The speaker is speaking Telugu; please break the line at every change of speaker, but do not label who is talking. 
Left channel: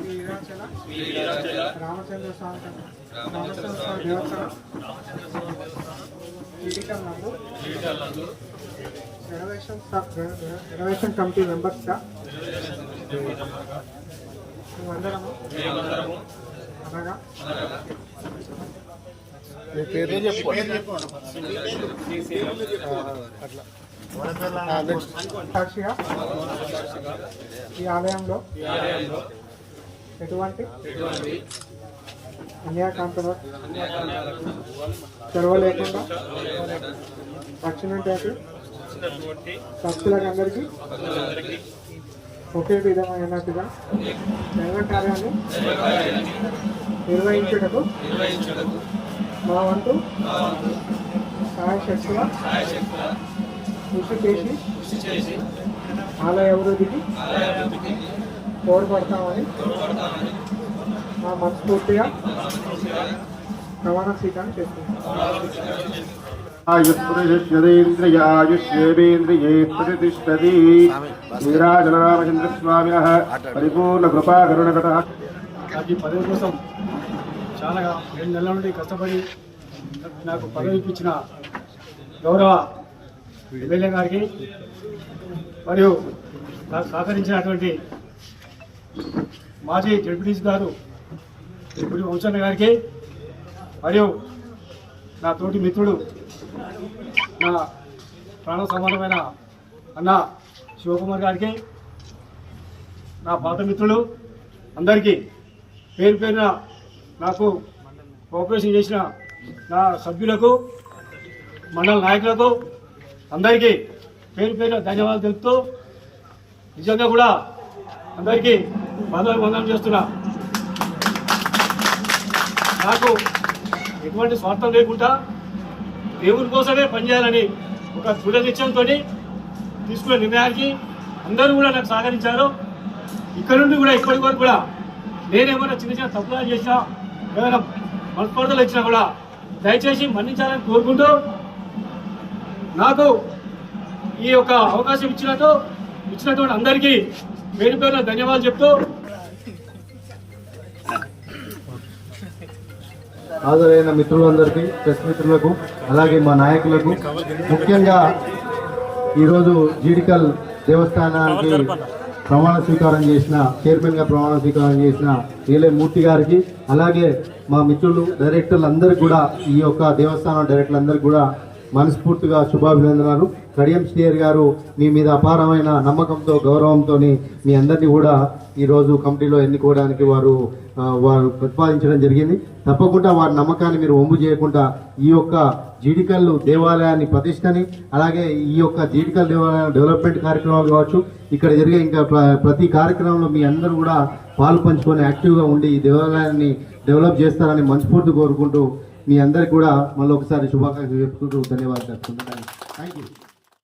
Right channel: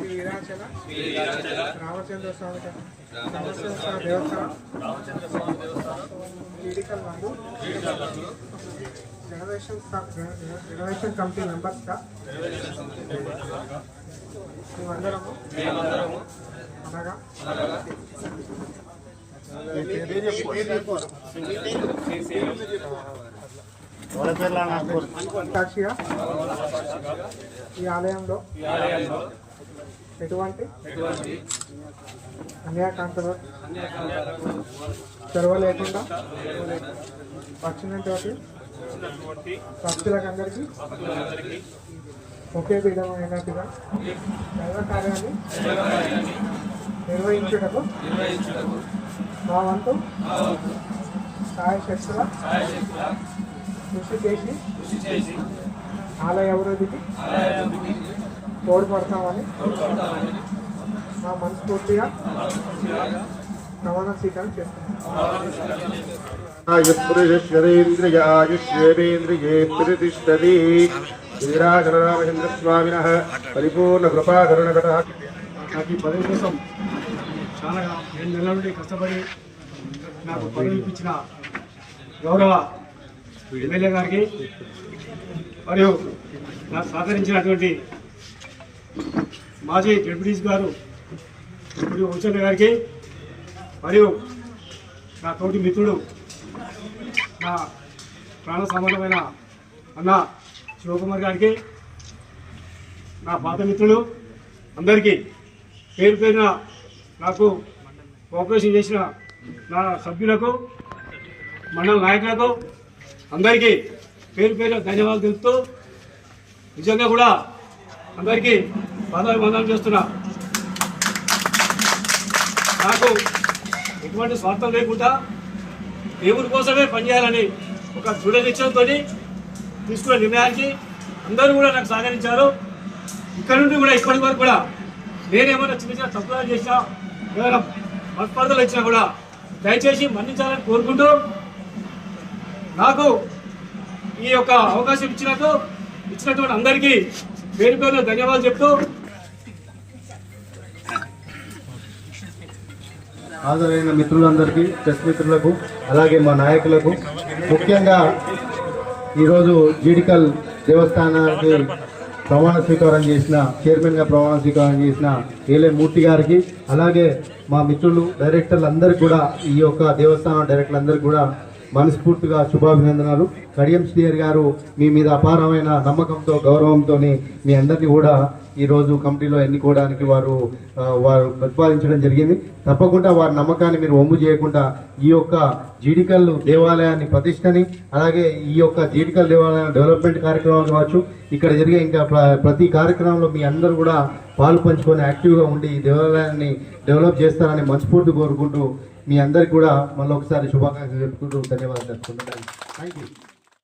వీరాచల రామచంద్ర స్వామి రామచంద్ర స్వామి దేవస్థానం ఈడికల్ నందు రెనోవేషన్ క- రె- రె- రెనోవేషన్ కమిటీ మెంబర్స్గా మేమందరము. అనగా సాక్షిగా? ఈ ఆలయంలో ఎటువంటి? అన్యాకాంతలు చొరవ లేకుండా వచ్చినటువంటి భక్తులకు అందరికీ ఒకే విధమైనట్టుగా దైవ కార్యాన్ని నిర్వహించుటకు మా వంతు సాయశక్తుల కృషి చేసి ఆలయ అభివృద్ధికి తోడ్పడతామని మా మనస్ఫూర్తిగా ప్రమాణ స్వీకారం చేస్తున్నాం
ఆయుష్యేంద్రియాయుష్యేంద్రియే శ్రీరాజనామచంద్రస్వామిన పరిపూర్ణ కృపాకరుణకట
నాకు ఈ పదవి కోసం చాలా రెండు నెలల నుండి కష్టపడి నాకు పదవి ఇప్పించిన గౌరవ ఎమ్మెల్యే గారికి మరియు నాకు సహకరించినటువంటి మాజీ జడ్పీటీసీ గారు ఇప్పుడు వంశన్న గారికి మరియు నా తోటి మిత్రుడు నా ప్రాణ సమానమైన అన్న శివకుమార్ గారికి నా పాత మిత్రులు అందరికీ పేరు పేరున నాకు కోఆపరేషన్ చేసిన నా సభ్యులకు మండల నాయకులకు అందరికీ పేరు పేరున ధన్యవాదాలు తెలుపుతూ నిజంగా కూడా అందరికీ వందలు వందనం చేస్తున్నా. నాకు ఎటువంటి స్వార్థం లేకుండా దేవుని కోసమే పనిచేయాలని ఒక దృఢ నిశ్చయంతో తీసుకున్న నిర్ణయానికి అందరూ కూడా నాకు సహకరించారు. ఇక్కడ నుండి కూడా ఇప్పటి వరకు కూడా నేనేమైనా చిన్న చిన్న తప్పులు చేసినా ఏమైనా మనస్పర్ధలు ఇచ్చినా కూడా దయచేసి మన్నించాలని కోరుకుంటూ నాకు ఈ యొక్క అవకాశం ఇచ్చినట్టు ఇచ్చినటువంటి అందరికీ పేరు పేరున ధన్యవాదాలు చెప్తూ
హాజరైన మిత్రులందరికీ ప్రెస్ మిత్రులకు అలాగే మా నాయకులకు ముఖ్యంగా ఈరోజు జీడికల్ దేవస్థానానికి ప్రమాణ స్వీకారం చేసిన చైర్మన్గా ప్రమాణ స్వీకారం చేసిన ఏలే మూర్తి గారికి అలాగే మా మిత్రులు డైరెక్టర్లందరికీ కూడా ఈ యొక్క దేవస్థానం డైరెక్టర్లందరికీ కూడా మనస్ఫూర్తిగా శుభాభినందనాలు. కడియం శ్రీయర్ గారు మీ మీద అపారమైన నమ్మకంతో గౌరవంతో మీ అందరినీ కూడా ఈరోజు కమిటీలో ఎన్నుకోవడానికి వారు వారు ప్రతిపాదించడం జరిగింది. తప్పకుండా వారి నమ్మకాన్ని మీరు ఒమ్ము చేయకుండా ఈ యొక్క జీడికల్లు దేవాలయాన్ని ప్రతిష్టని అలాగే ఈ యొక్క జీడికల్ దేవాలయం డెవలప్మెంట్ కార్యక్రమాలు కావచ్చు ఇక్కడ జరిగే ఇంకా ప్ర- ప్రతి కార్యక్రమంలో మీ అందరూ కూడా పాలు పంచుకొని యాక్టివ్గా ఉండి ఈ దేవాలయాన్ని డెవలప్ చేస్తారని మనస్ఫూర్తి కోరుకుంటూ మీ అందరికి కూడా మళ్ళీ ఒకసారి శుభాకాంక్షలు చెప్పుకుంటూ ధన్యవాదాలు తెలుపుకుంటున్నాను. Thank you